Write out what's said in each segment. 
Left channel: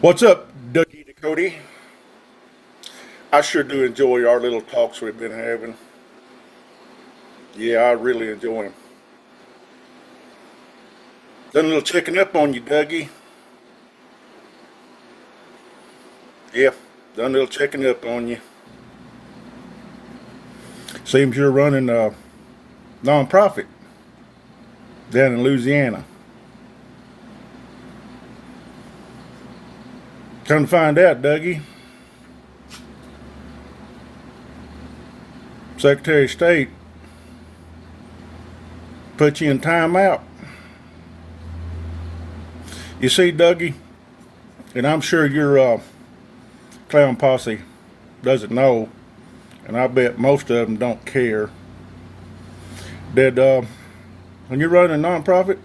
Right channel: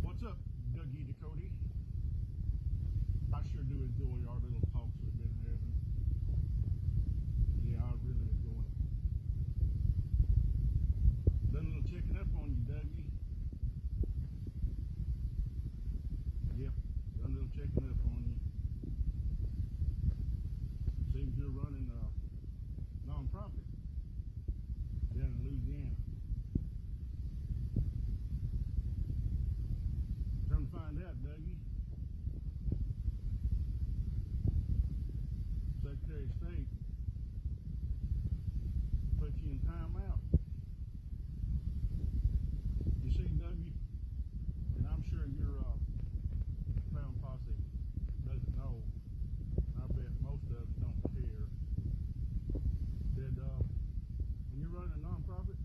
What's up, Dougie Ducote? I sure do enjoy our little talks we've been having. Yeah, I really enjoy them. Done a little checking up on you, Dougie. Yeah, done a little checking up on you. Seems you're running a nonprofit down in Louisiana. Come to find out, Dougie, Secretary of State put you in timeout. You see, Dougie, and I'm sure your clown posse doesn't know, and I bet most of them don't care, that when you're running a nonprofit,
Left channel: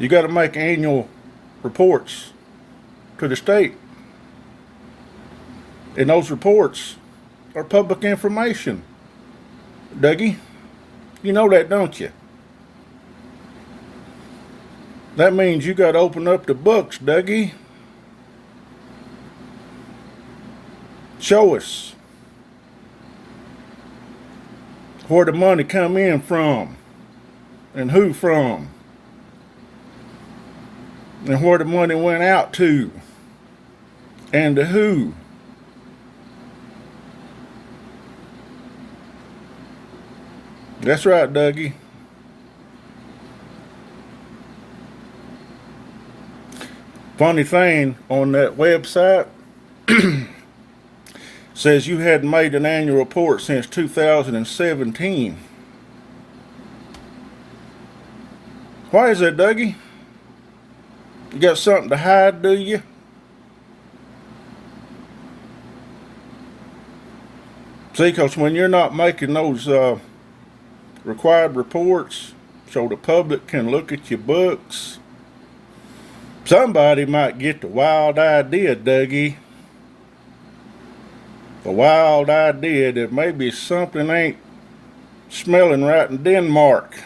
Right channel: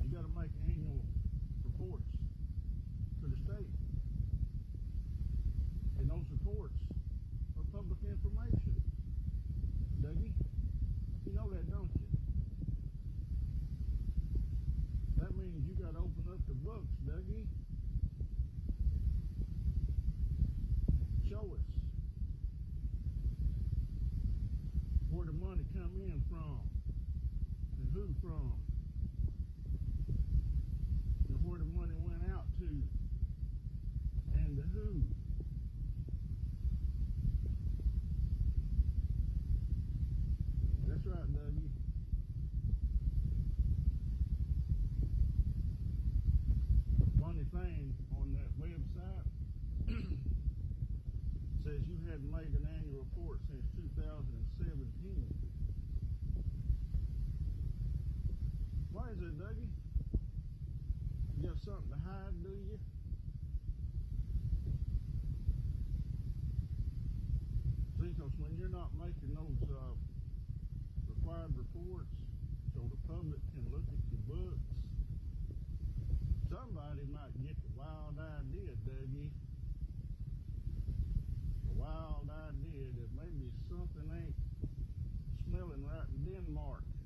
you got to make annual reports to the state. And those reports are public information. Dougie, you know that, don't you? That means you got to open up the books, Dougie. Show us where the money come in from and who from and where the money went out to and to who. That's right, Dougie. Funny thing, on that website says you hadn't made an annual report since 2017. Why is that, Dougie? You got something to hide, do you? See, because when you're not making those required reports so the public can look at your books, somebody might get the wild idea, Dougie. The wild idea that maybe something ain't smelling right in Denmark.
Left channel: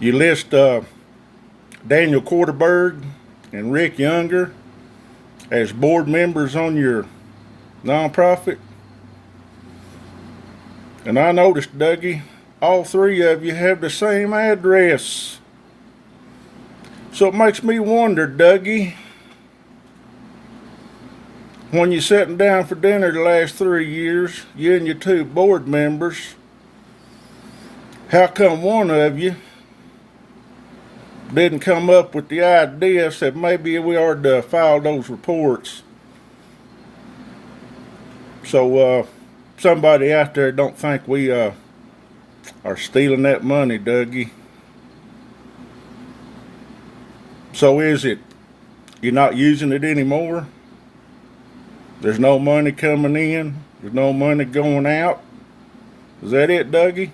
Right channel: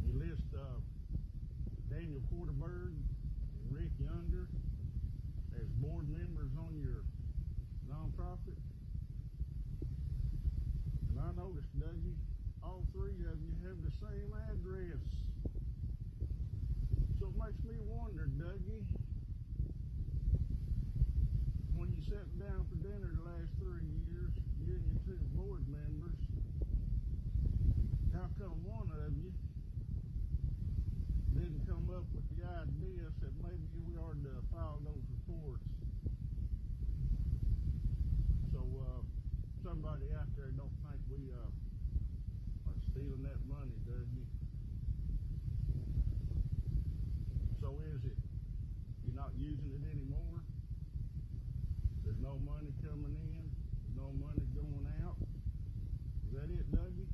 You list Daniel Quarterberg and Rick Younger as board members on your nonprofit. And I noticed, Dougie, all three of you have the same address. So it makes me wonder, Dougie, when you're sitting down for dinner the last 3 years, you and your two board members, how come one of you didn't come up with the idea that maybe we ought to file those reports so somebody out there don't think we are stealing that money, Dougie? So is it you're not using it anymore? There's no money coming in? There's no money going out? Is that it, Dougie?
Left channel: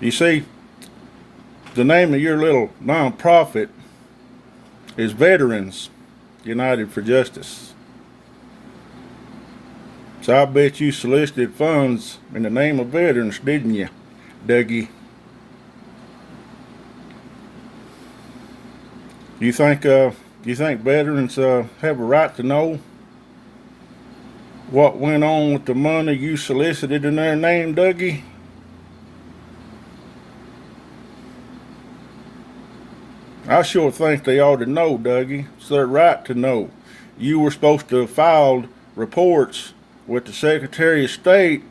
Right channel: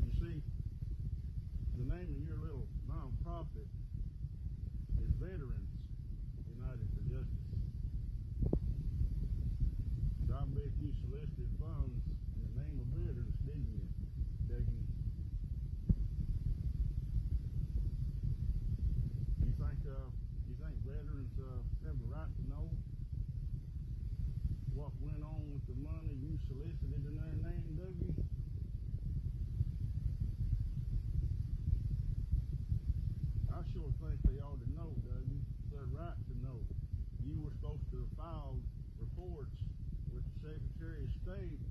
You see, the name of your little nonprofit is Veterans United for Justice. So I bet you solicited funds in the name of veterans, didn't you, Dougie? You think veterans have a right to know what went on with the money you solicited in their name, Dougie? I sure think they ought to know, Dougie. It's their right to know. You were supposed to have filed reports with the Secretary of State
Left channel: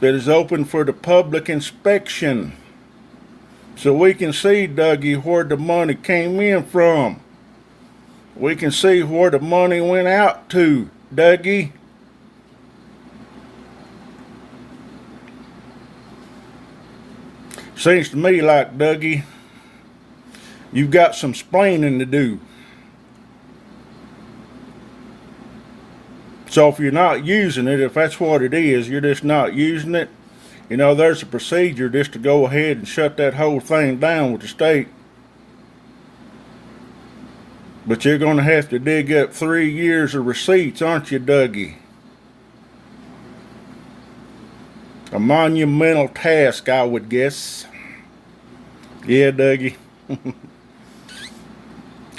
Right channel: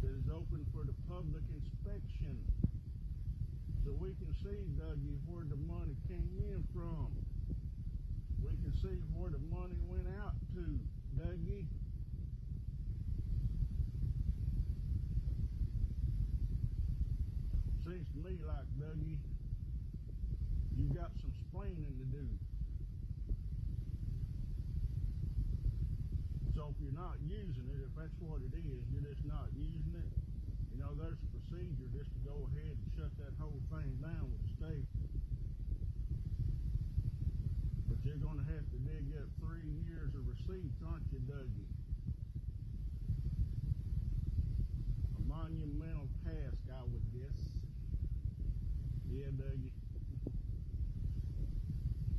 that is open for the public inspection, so we can see, Dougie, where the money came in from. We can see where the money went out to, Dougie. Seems to me like, Dougie, you've got some splaining to do. So if you're not using it, if that's what it is, you're just not using it, you know, there's a procedure just to go ahead and shut that whole thing down with the state. But you're going to have to dig up 3 years of receipts, aren't you, Dougie? A monumental task, I would guess. Yeah, Dougie.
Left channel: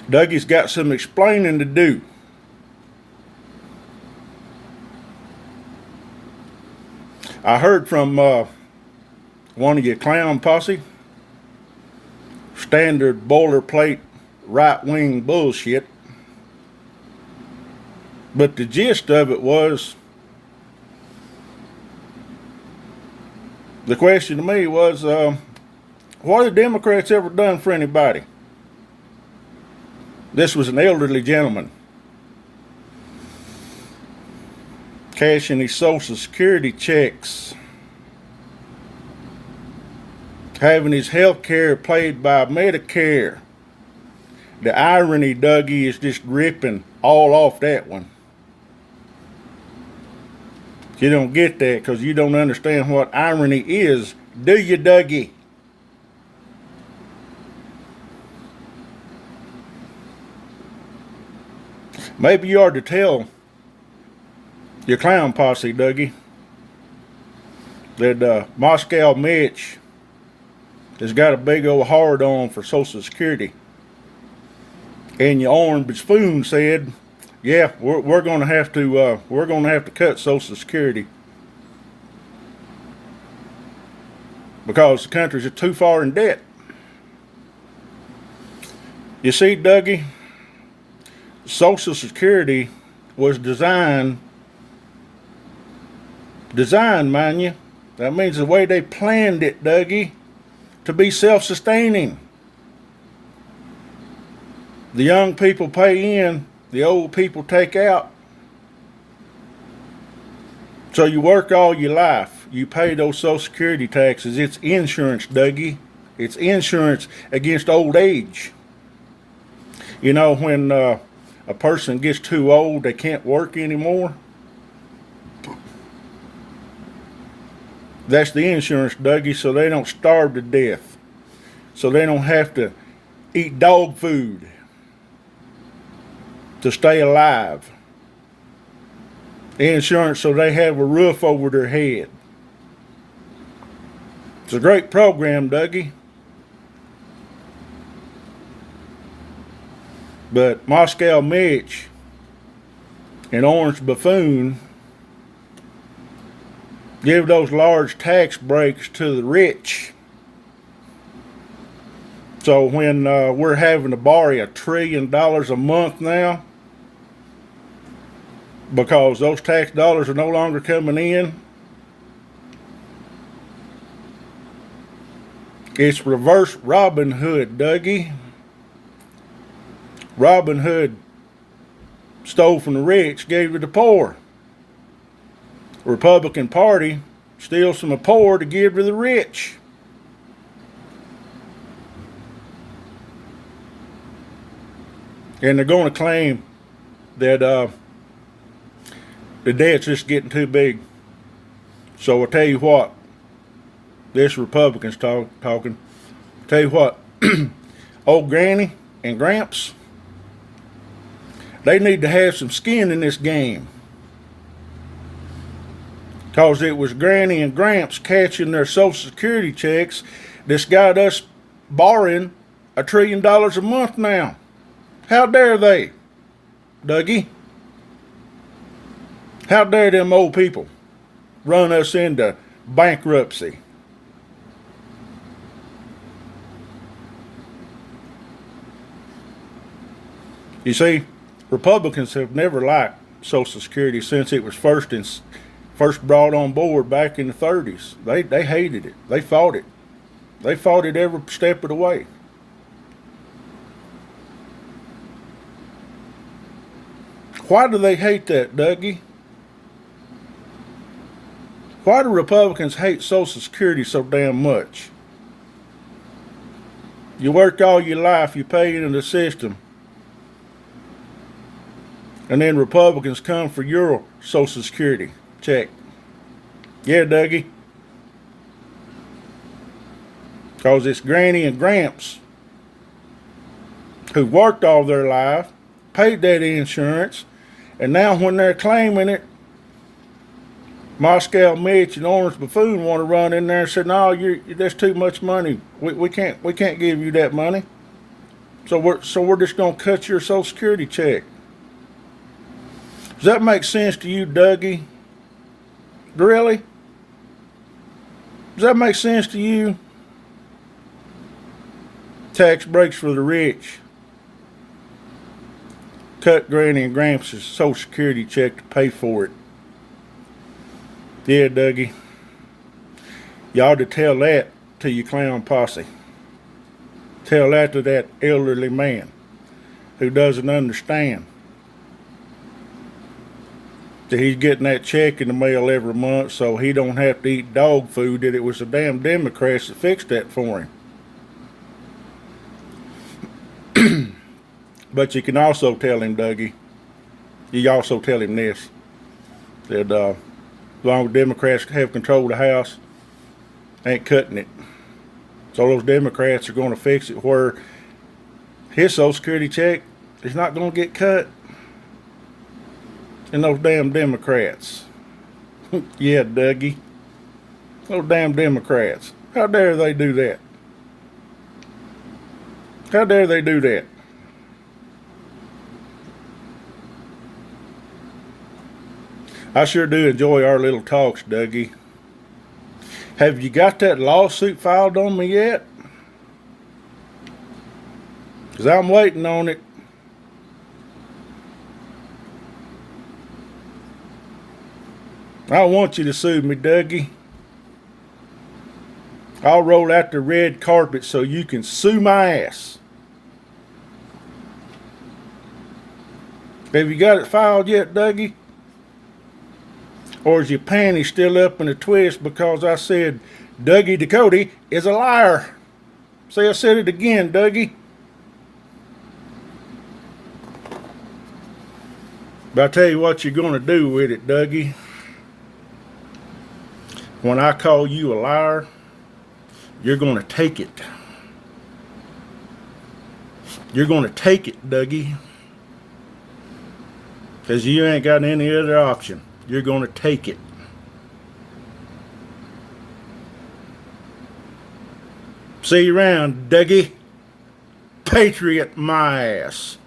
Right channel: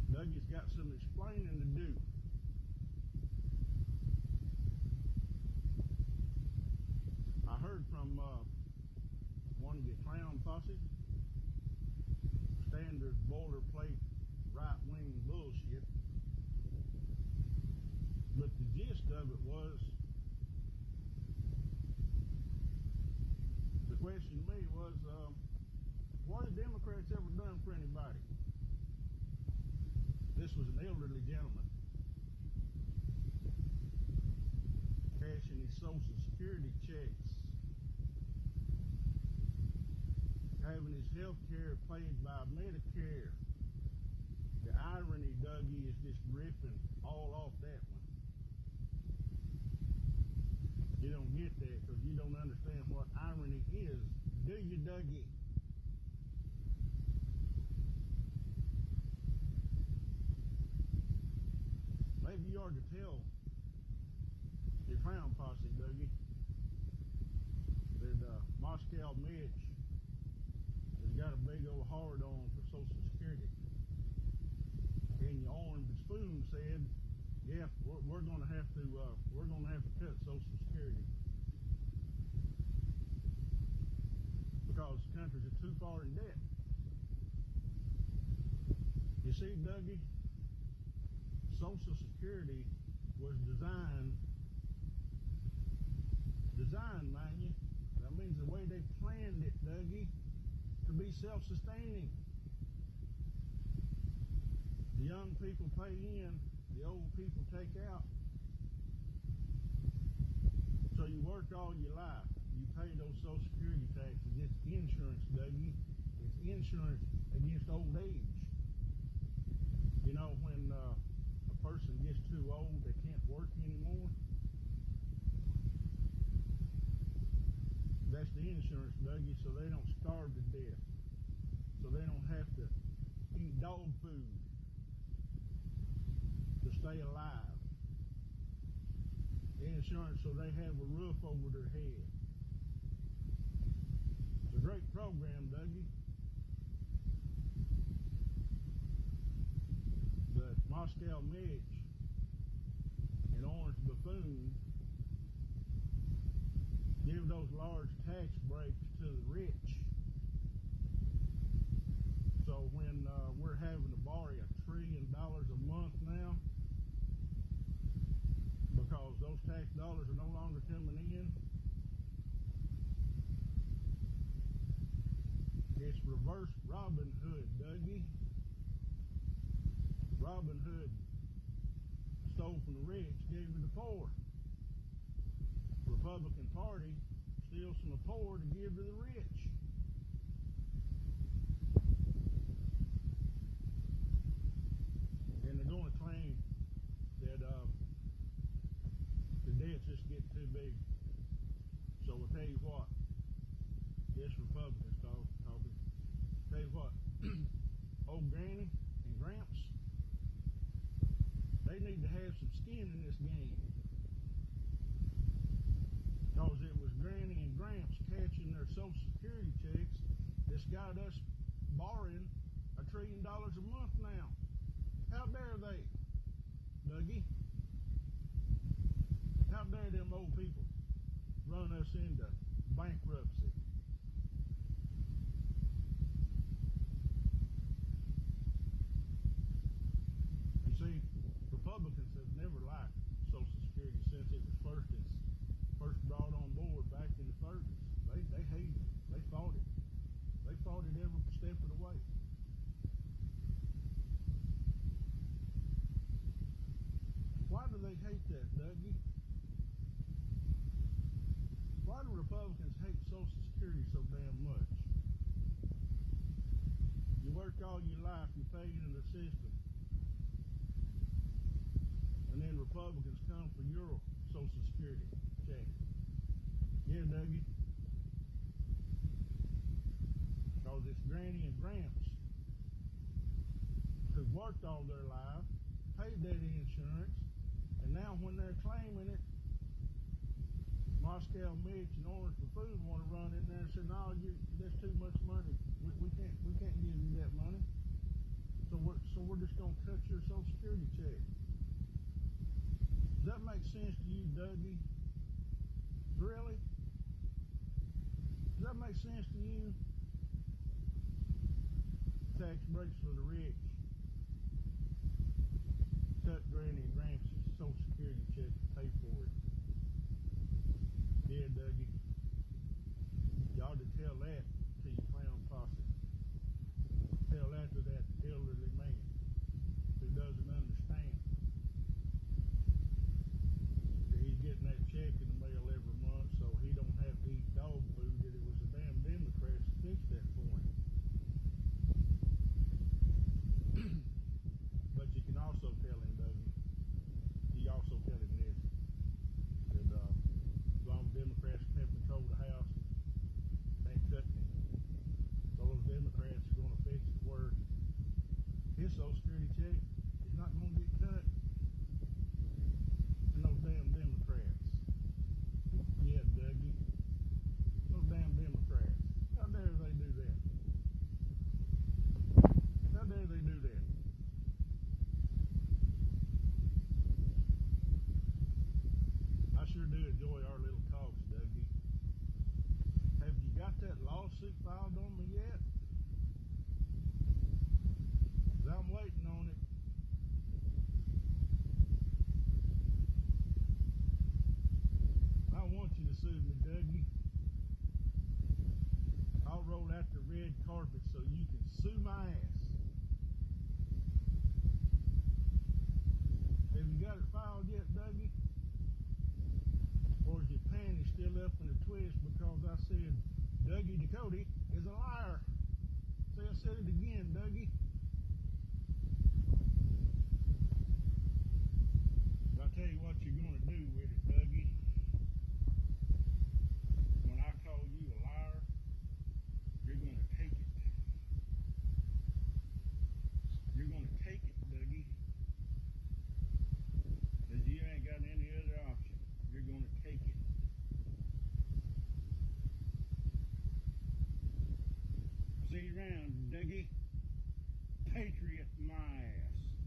Dougie's got some explaining to do. I heard from one of your clown posse, standard boilerplate right-wing bullshit. But the gist of it was, the question to me was, what have the Democrats ever done for anybody? This was an elderly gentleman cashing his Social Security checks, having his health care paid by Medicare. The irony, Dougie, is just ripping all off that one. You don't get that because you don't understand what irony is, do you, Dougie? Maybe you ought to tell your clown posse, Dougie, that Moscow Mitch has got a big old hard on for Social Security. And your orange spoon said, yeah, we're going to have to cut Social Security because the country's just too far in debt. You see, Dougie, Social Security was designed, mind you. That means the way they planned it, Dougie, to be self-sustaining. The young people pay in, the old people take out. So you work all your life. You pay those Social Security taxes. It's insurance, Dougie. It's insurance against old age. You know, when a person gets too old, they can't work anymore. That's the insurance, Dougie, so they don't starve to death. So they don't have to eat dog food to stay alive. Insurance so they have a roof over their head. It's a great program, Dougie. But Moscow Mitch and Orange Buffoon give those large tax breaks to the rich. So when we're having to borrow $1 trillion a month now, because those tax dollars are no longer coming in, it's reverse Robin Hood, Dougie. Robin Hood stole from the rich, gave to the poor. The Republican Party steals from the poor to give to the rich. And they're going to claim that the debt's just getting too big. So I'll tell you what, this Republican's talking. Tell you what, old Granny and Gramps, they need to have some skin in this game. Because it was Granny and Gramps catching their Social Security checks that's got us borrowing $1 trillion a month now. How dare they, Dougie? How dare them old people run us into bankruptcy? You see, Republicans have never liked Social Security since it was first brought on board back in the 30s. They hated it. They fought it. They fought it every step of the way. Why do they hate that, Dougie? Why do Republicans hate Social Security so damn much? You work all your life, you pay into the system, and then Republicans come for your Social Security check. Yeah, Dougie. Because it's Granny and Gramps who worked all their life, paid that insurance, and now when they're claiming it, Moscow Mitch and Orange Buffoon want to run in there and say, "No, that's too much money. We can't give you that money. So we're just gonna cut your Social Security check." Does that make sense to you, Dougie? Really? Does that make sense to you? Tax breaks for the rich. Cut Granny and Gramps' Social Security check to pay for it. Yeah, Dougie. You ought to tell that to your clown posse. Tell that to that elderly man who doesn't understand that he's getting that check in the mail every month so he don't have to eat dog food, that it was the damn Democrats that fixed that for him. But you can also tell him, Dougie, you also tell him this, that as long as Democrats have control of the House, ain't cutting it. So those Democrats are going to fix it where his Social Security check is not going to get cut. And those damn Democrats. Yeah, Dougie. Those damn Democrats. How dare they do that? How dare they do that? I sure do enjoy our little talks, Dougie. Have you got that lawsuit filed on me yet? Because I'm waiting on it. I want you to sue me, Dougie. I'll roll out the red carpet so you can sue my ass. Have you got it filed yet, Dougie? Or is your panties still up in a twist because I said Dougie Ducote is a liar? Say I said it again, Dougie. But I tell you what you're going to do with it, Dougie. When I call you a liar, you're going to take it. You're going to take it, Dougie. Because you ain't got any other option. You're going to take it. See you around, Dougie. Patriot my ass.